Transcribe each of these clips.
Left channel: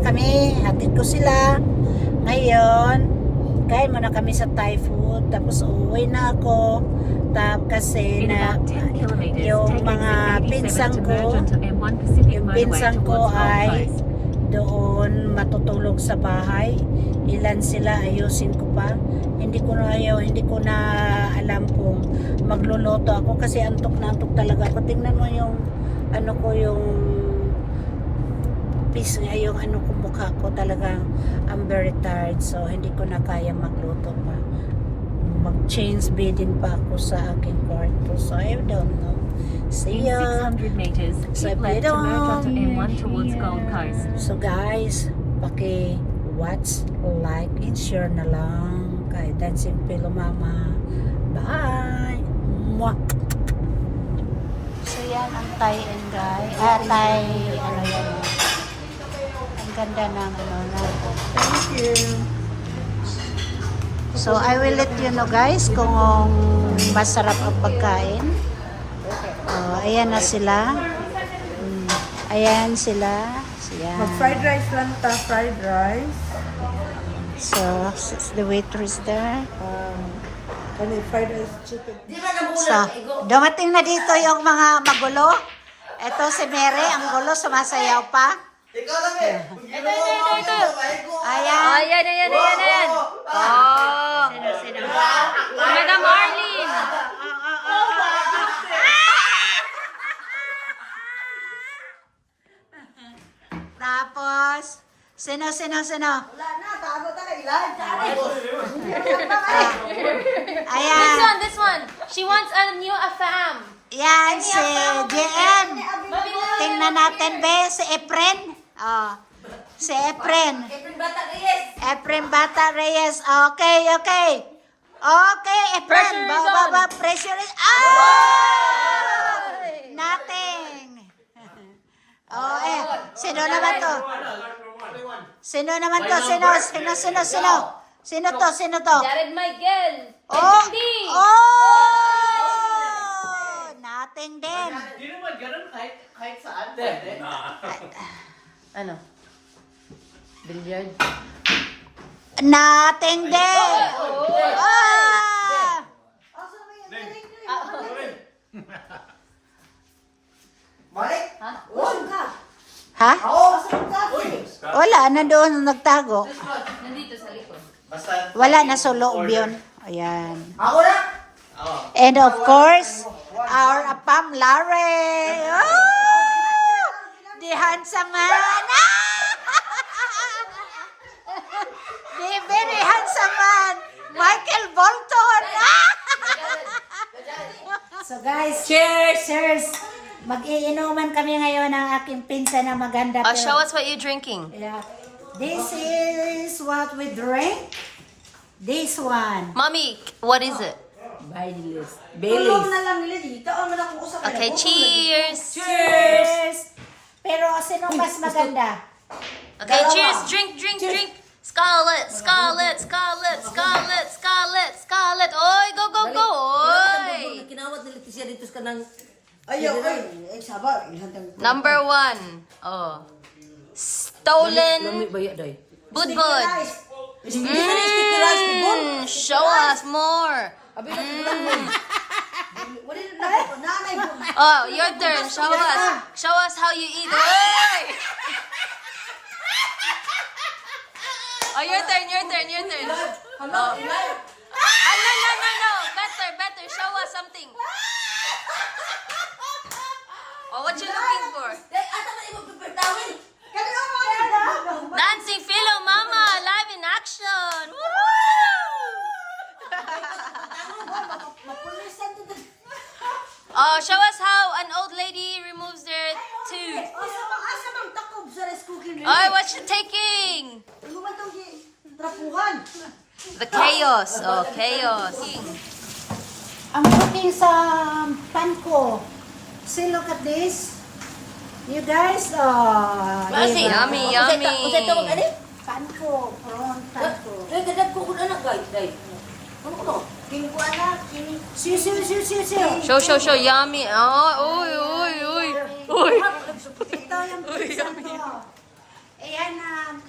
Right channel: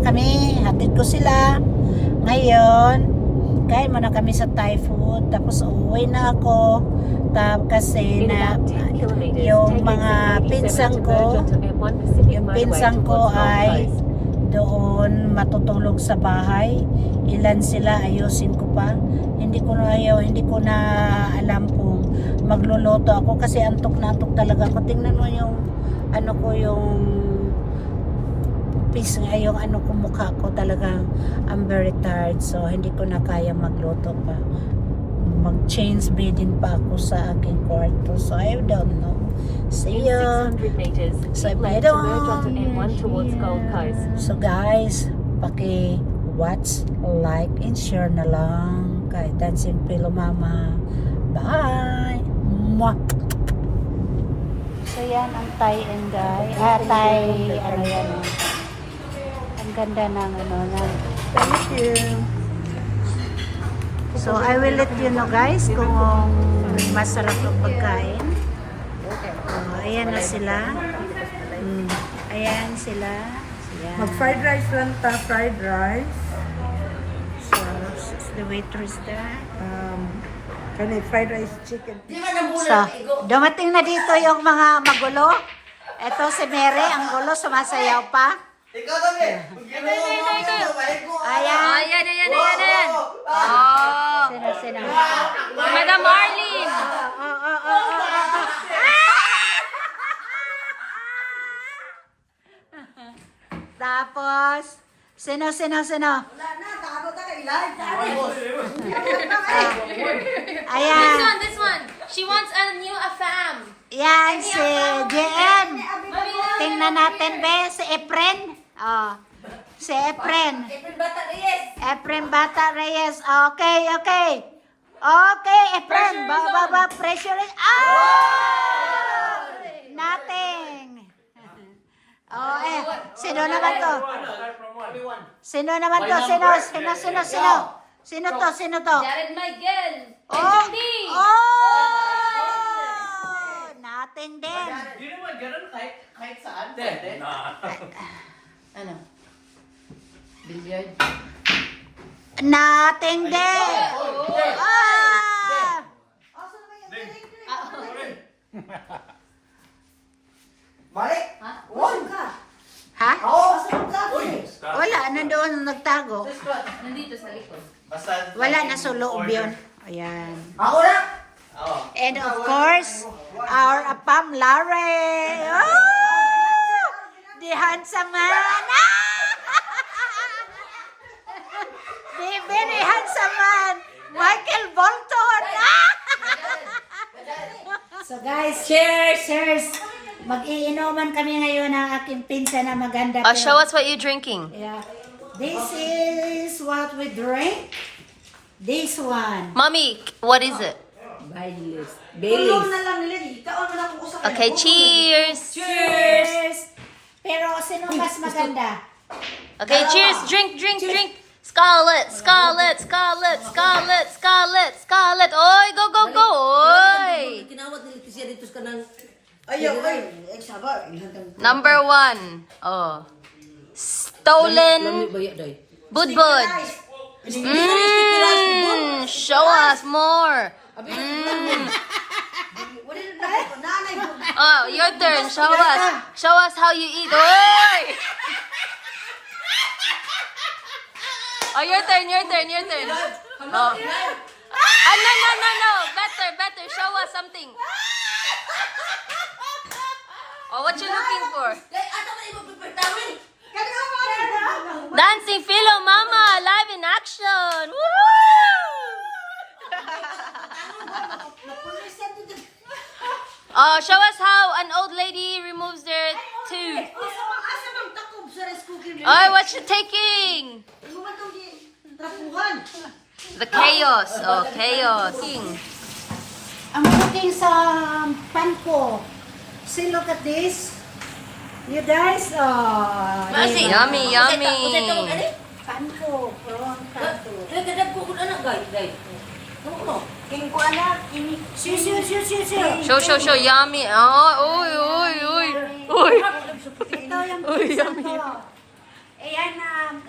na kami. Hatid ko sila. Ngayon, kain muna kami sa Thai food. Tapos uuwi na ako. Kasi na yung mga pinsang ko ay doon matutulog sa bahay. Ilan sila, ayusin ko pa. Hindi ko na alam kung magluluto ako kasi antok na antok talaga ako. Tingnan mo yung ano ko, yung yung ano ko, mukha ko talagang I'm very tired, so hindi ko na kaya magluto pa. Mag-change bedding pa ako sa aking kwarto, so I don't know. See ya. So if you don't, so guys, watch, like, and share na lang kay Dancing Pillow Mama. Bye! Mwah! So yan ang Thai and guy. Thai, ano yan, ang ganda ng ano na. Thank you. So I will let you know guys kung masarap ang pagkain. Ayan na sila. Ayan sila. Mag-fried rice lang ta, fried rice. So, the waitress there. Fried rice chicken. So, dumating na dito yung mga magulo. Ito si Mary, ang gulo, sumasayaw pa. Ikaw lang eh. Ayan. Ayan. Oh. Sino? Madam Arlene. Tapos, sino? Ayan. This one. She wants a new afam. Yan, si JM. Tingnan natin, be, si Efren. Si Efren. Efren Bata Reyes. Okay. Okay, Efren. Baba, pressure is... Nothing. Sino naman to? Sino to? Jared Michael. Nothing din. Hindi naman ganun kahit saan. Ano? Billiard? Nothing din. Malik? Ha? Oo. Wala, nandoon nagtago. Nandito sa likod. Wala, nasa loob yun. Ayan. Ako na? And of course, our Apam Larry. The handsome man. The very handsome man. Michael Bolton. So guys, cheers. Mag-iinuman kami ngayon ng aking pinsan na maganda. Show us what you're drinking. Yeah. This is what we drink. This one. Mommy, what is it? Baileys. Okay, cheers. Cheers! Pero sino mas maganda? Okay, cheers. Drink. Scarlet. Oy, go. Oy. Kinawat nila siya dito ka ng... Ayaw, saba. Number 1. Oh. Stolen budbud. Show us more. Oh, your turn. Show us how you eat. Oy! Oh, your turn. Oh. No. Better. Show us something. Oh, what you looking for? Dancing Pillow Mama, live in action. Woohoo! Oh, show us how an old lady removes their tooth. Oh, what you taking? The chaos. Oh, chaos. Ang cooking sa pan ko. See, look at this. You guys, Yummy. pan ko, prawn pan ko. Show. Yummy. Oh, oy. Ito yung pinsan ko. Ayan,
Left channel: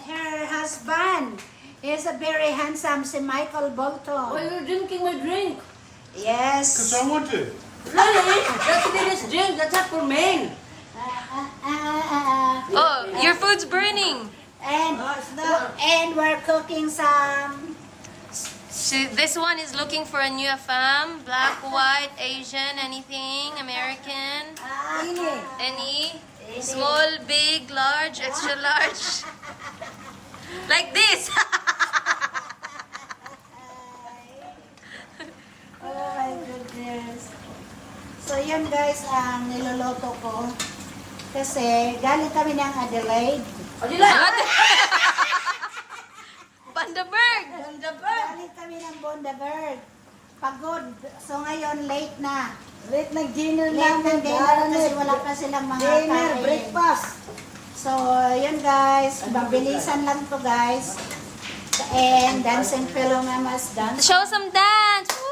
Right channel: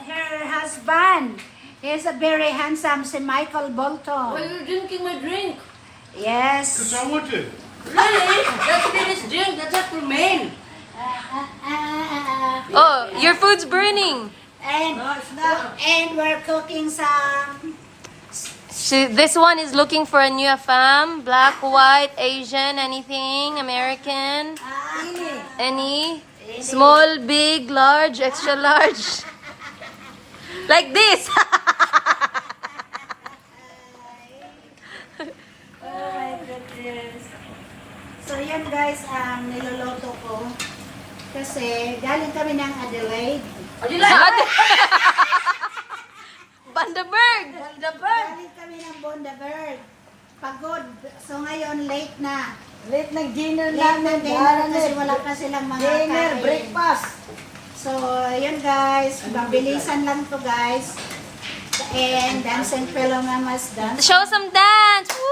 her husband. He's a very handsome, si Michael Bolton. Why are you drinking my drink? Yes. I want to. Really? That's Dennis drink. That's not for men. Oh, your food's burning. And we're cooking some. So this one is looking for a new femme. Black, white, Asian, anything, American. Any? Small, big, large, extra large. Like this. Oh my goodness. So yan guys, ang niloloto ko. Kasi galing kami ng Adelaide. Bundaberg. Galing kami ng Bundaberg. Pagod. So ngayon late na. Late ng dinner Late ng dinner kasi wala pa silang mga Dinner, kain. breakfast. So yan guys, mabilisan lang to guys. And dancing Philomena's dance. Show some dance. Woo!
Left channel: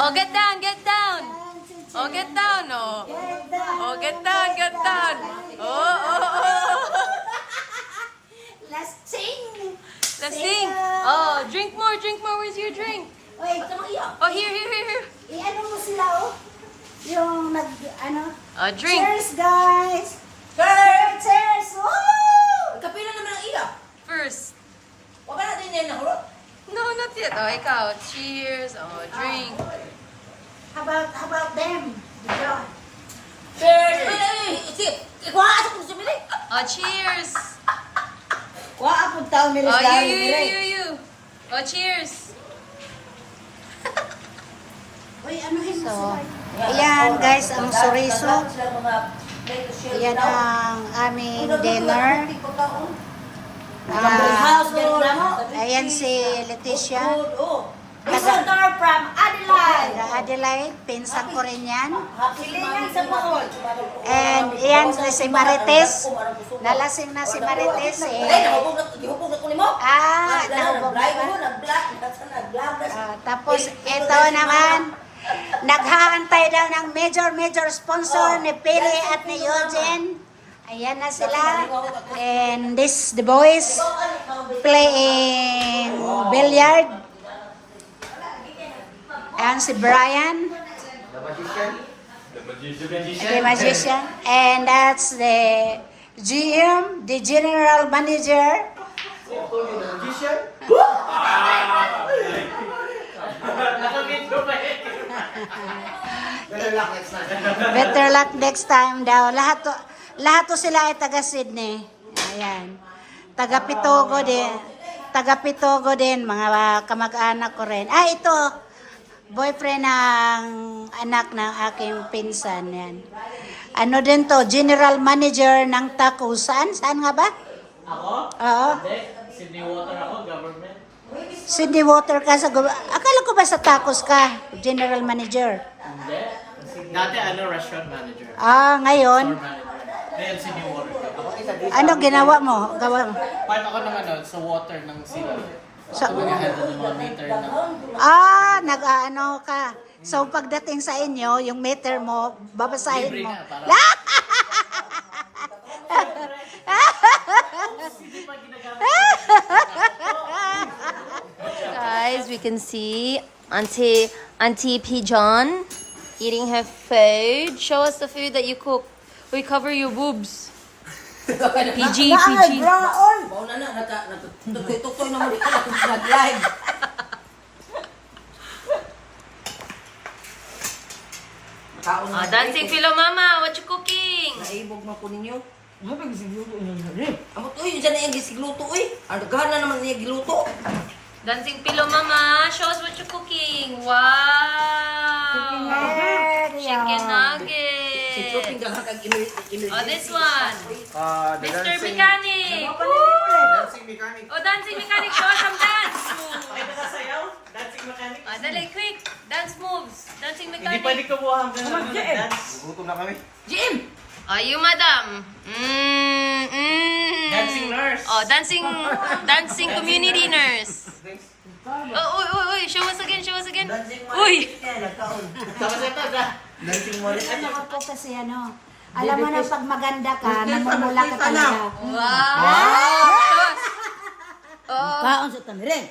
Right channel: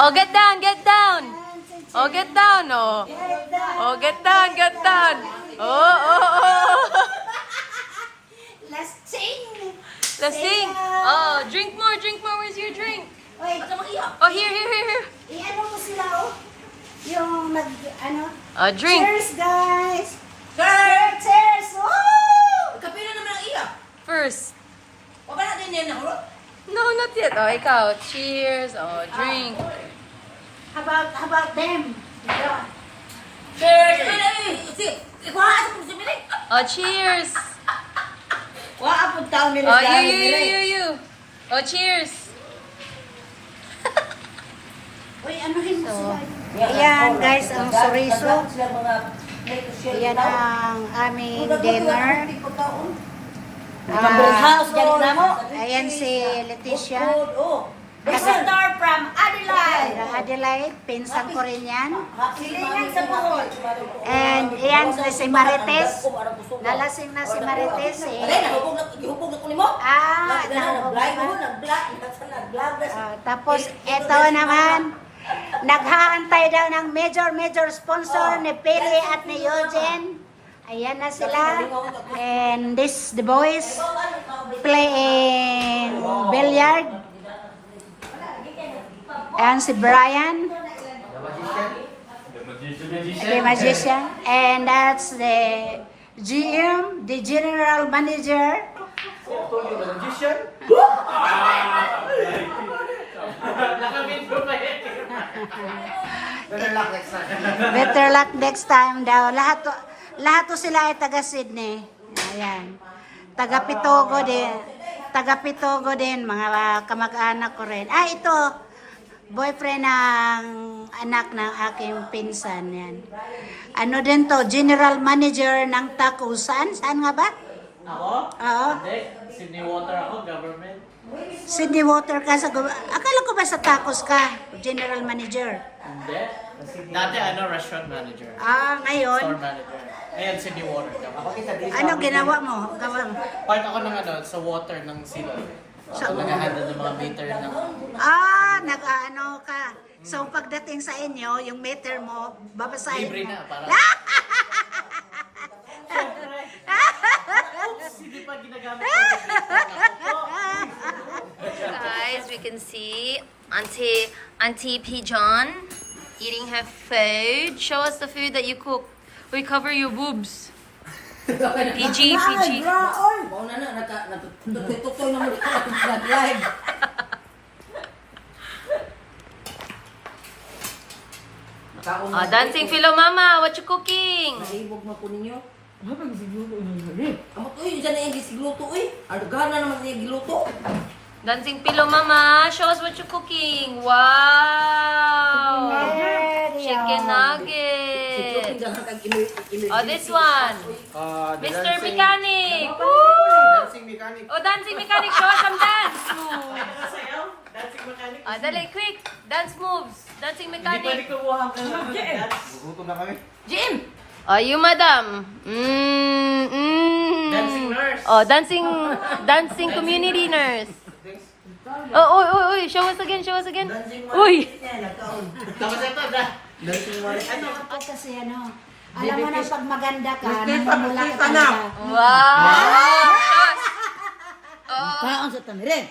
Oh, get down, get down. Oh, get down, oh. Oh, get down, get down. Oh, oh, oh. Let's sing. Let's sing. Oh, drink more, drink more. Where's your drink? Wait, Oh, here, here, here, here. i-ano mo sila oh. Yung nag, ano. Oh, drink. Cheers guys. Cheers. Woo! Kapila naman ang iya. First. Wala natin yan na hulot. No, not yet. Oh, ikaw. Cheers. Oh, drink. How about them? Yeah. Cheers! Kuha sa kung sumili. Oh, cheers. Kuha po taong nila Oh, sa you. Oh, cheers. Uy, anuhin mo sila. Ayan guys, ang soriso. Ayan ang aming dinner. Ayan si Leticia. Visitor from Adelaide. Taga Adelaide, pinsan ko rin yan. Pilingan sa Bukol. And ayan si Marites. Nalasing na si Marites Ay, eh. nahubog na ko ni mo. Nahubog na ba? Nag-vlog. Tapos ito naman, naghaantay daw ng major sponsor ni Pili at ni Eugene. Ayan na sila. And the boys playing billiard. Ayan si Brian, the magician. And that's the GM, the general manager. Better luck next time daw. Lahat to sila ay taga Sydney. Ayan. Taga Pitogo din. Taga Pitogo din, mga kamag-anak ko rin. Ah, ito. Boyfriend ng anak ng aking pinsan. Yan. Ano din to? General manager ng Taco. Saan? Saan nga ba? Ako? Oo. Hindi. Sydney Water ako, government. Sydney Water ka sa... Akala ko ba sa Tacos ka? General manager. Hindi. Dati restaurant manager. Ah, ngayon. Store manager. Ngayon, Sydney Water. Ano ginawa mo? Gawa. Part ako ng sa water ng city. Sa- Ako nag-handle ng mga meter ng... Nag-ano ka. So, pagdating sa inyo, yung meter mo, babasahin Libre mo. na, parang... Hindi pa ginagamit ko. Guys, we can see Auntie Pigeon eating her food. Show us the food that you cook. We cover your boobs. PG. Mau na, nagtutoy naman ito ako nag-live. Dancing Philo Mama, what you cooking? Naibog na ko ninyo. Habang sigluto na. Amo to, yun dyan na yung gisigluto, uy. Ang daghan na naman yung giluto. Dancing Philo Mama, show us what you cooking. Wow! Chicken nuggets. Oh, this one. Mr. Mechanic. Woo! Dancing mechanic. Oh, dancing mechanic, show us some dance moves. Nakasayaw? Dancing mechanic? Dali, quick. Dance moves. Dancing Hindi pwede mechanic. kumuha ang dance. Gutom na kami. Jim! Oh, you, madam. Dancing nurse. Oh, dancing community nurse. Oh, uy. Show us again. Uy. Ano ako kasi ano, alam mo na pag maganda ka, namumula ka talaga. Wow. Kaon sa tanirin.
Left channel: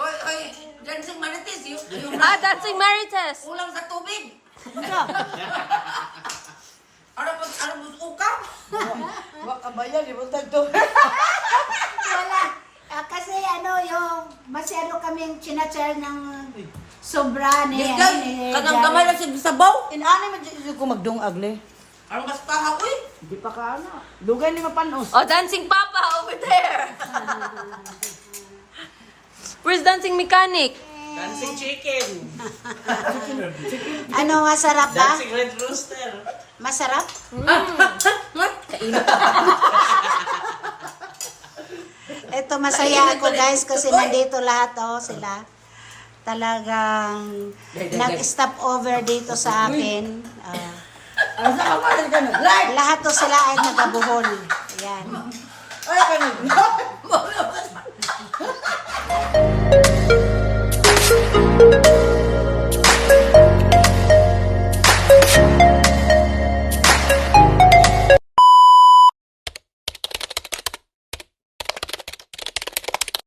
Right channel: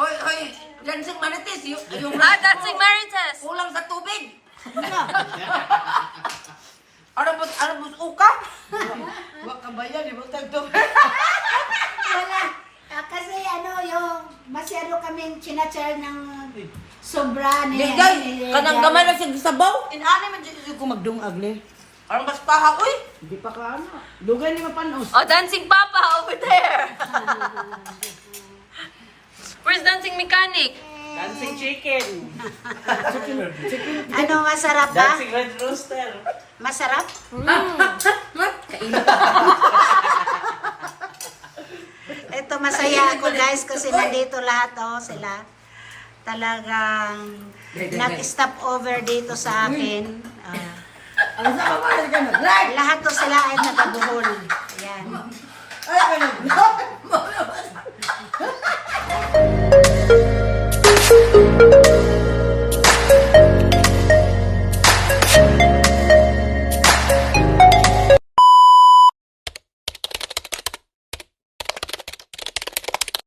Hoy, dancing manitis. Yung Dancing Marites. kulang sa tubig. Ano ba ukam? Baka ba yan, ibutag tubig. Wala. Kasi ano, yung masyado kaming chinachar ng sobra ni Kanang gamay na siya sabaw. Inani man dyan ko magdungag le. Ang mas paha, uy. Di pa ka ano. Lugay ni mapanos. Oh, Dancing Papa over there. Where's Dancing Mechanic? Dancing chicken. Ano, masarap ba? Dancing red rooster. Masarap? Ito, masaya ako guys kasi nandito lahat sila. Talagang nag-stop over dito sa akin. Ano sa mga ka na? Lahat to sila ay nagabuhol. Ayan. Ay, ano?